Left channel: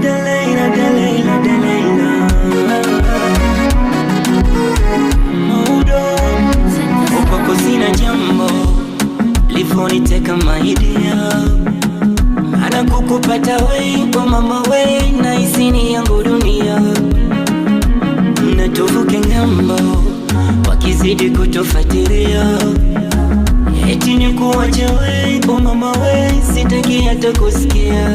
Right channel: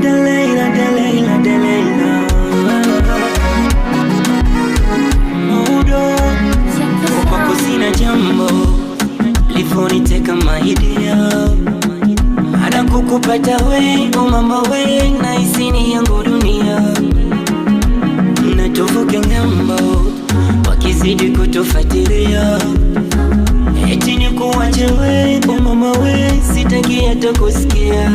Delaila, Delaila, Delaila. Maudo kwako sina jambo lifoniteka mahidia, maana kukupata we o mama we na isini yangu dunia. Natuvuke ngambo wakizidi kutufatiria, eti ni kuwache we o mama we, sitaki hata kusikia.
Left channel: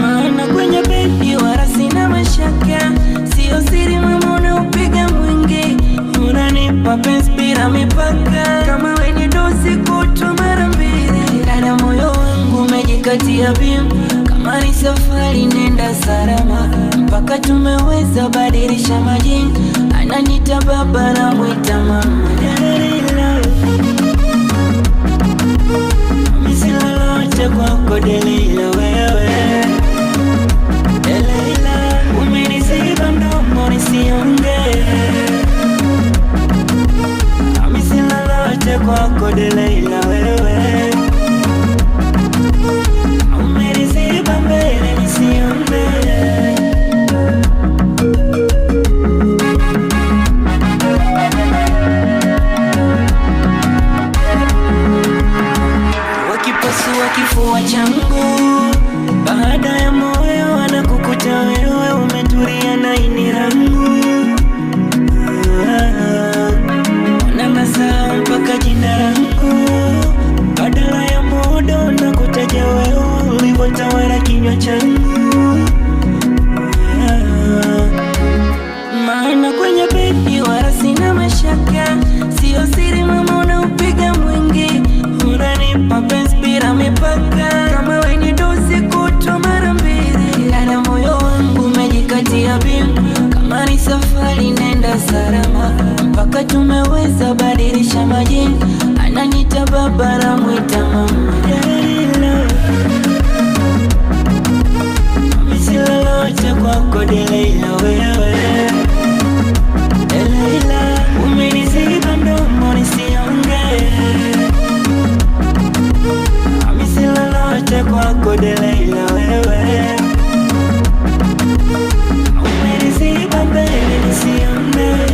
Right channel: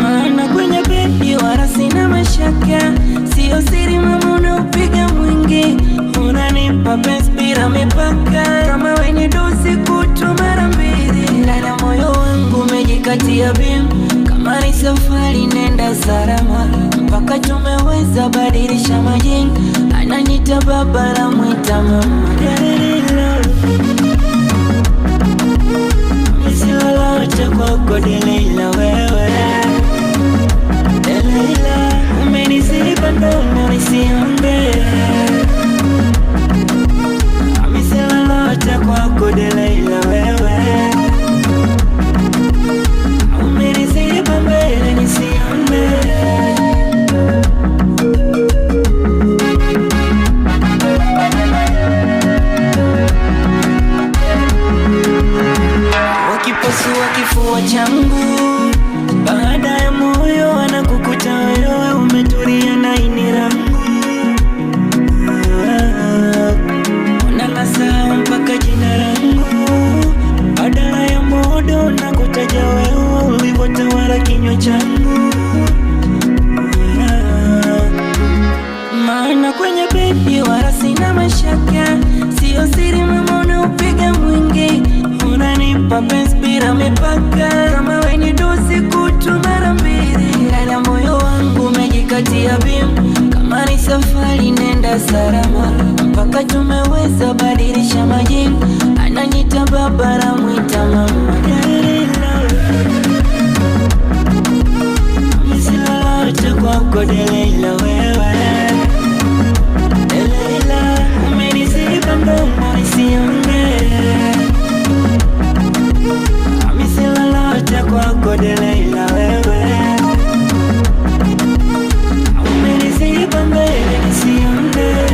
Maana kwenye bedi wala sina mashaka, sio siri mama unaupiga mwingi, unanipa penzi bila mipaka. Kama we ni dozi kutwa mara mbili, ndani ya moyo wangu umejikatia bim. Kama ni safari nenda salama, mpaka tumeweza badilisha majini. Ananita baba na mwita mama. Delaila, mimi si lolote kwako Delaila wewe. Delaila, umeniziba mdomo nisiongee, mimi si lolote kwako Delaila wewe. Umeniziba mbele nisiongee. Wakipasua kifua changu, baada ya moyo anakukuta wewe, umetulia na ini rangu. Ona nasahau mpaka jina rangu, badala ya modo na kutaja wewe, ulivotawala kinywa changu. Maana kwenye bedi wala sina mashaka, sio siri mama unaupiga mwingi, unanipa penzi bila mipaka. Kama we ni dozi kutwa mara mbili, ndani ya moyo wangu umejikatia bim. Kama ni safari nenda salama, mpaka tumeweza badilisha majini. Ananita baba na mwita mama. Delaila, mimi si lolote kwako Delaila wewe. Delaila, umeniziba mdomo nisiongee, mimi si lolote kwako Delaila wewe. Umeniziba mbele nisiongee.